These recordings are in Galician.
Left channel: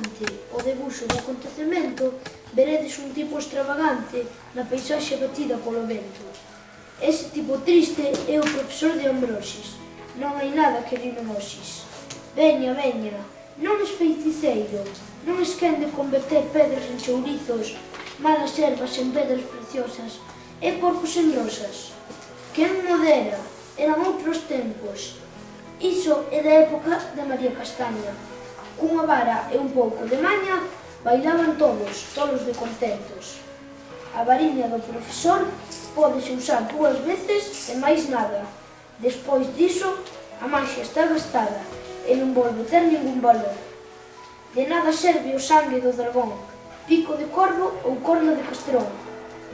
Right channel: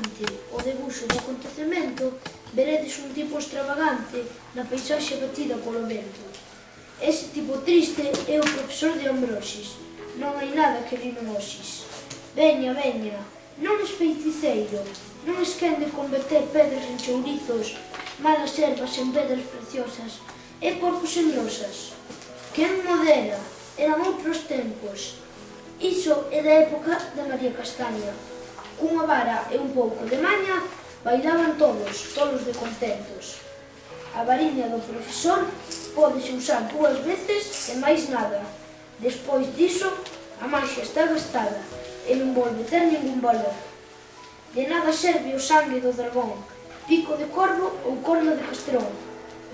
semellante ao debuxo do acontecemento, veredes un tipo extravagante na paisaxe batida polo vento. Ese tipo triste é o profesor de Ambrosis. Non hai nada que rimen hoxes. Veña, veña, non es feiticeiro, non es quen de converter pedras en chourizos, malas ervas en pedras preciosas e porcos en rosas. Quen modera, eran outros tempos. Iso é da época de María Castaña. Cunha vara e un pouco de maña, bailaban todos de contentos. A variña do profesor pódese usar 2 veces e máis nada. Despois diso, a maxia está gastada e non volve ter ningún valor. De nada serve o sangue do dragón, pico de corvo ou corno de castrón.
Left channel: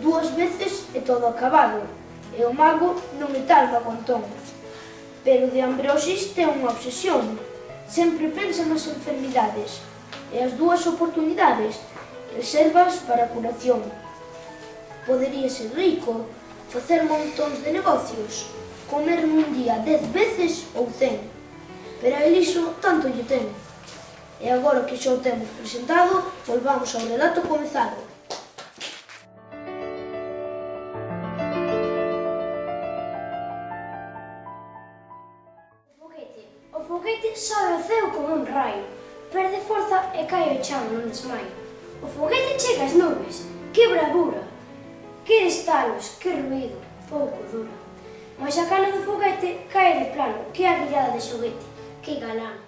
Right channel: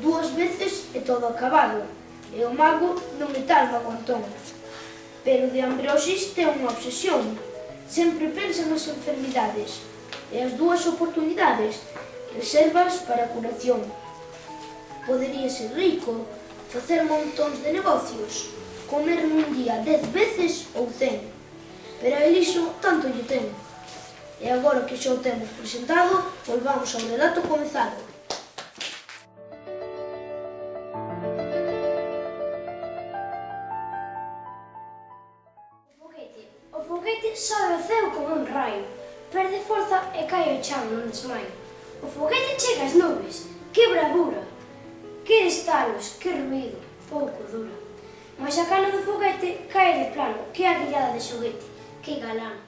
2 veces e todo acabado, e o mago non é tal magontón. Pero de Ambrosis ten unha obsesión. Sempre pensa nas enfermidades e as 2 oportunidades reservas para a curación. Podería ser rico, facer montóns de negocios, comer nun día 10 veces ou 100, pero a Eliso tanto lle ten. E agora que xa o temos presentado, volvamos ao relato comezado. O foguete sobe ao ceo como un raio, perde forza e cae ao chan nun desmaio. O foguete chega ás nubes, que bravura! Que estalos, que ruído, pouco dura. Mais a cana do foguete cae de plano, que aguillada de xoguete, que galán.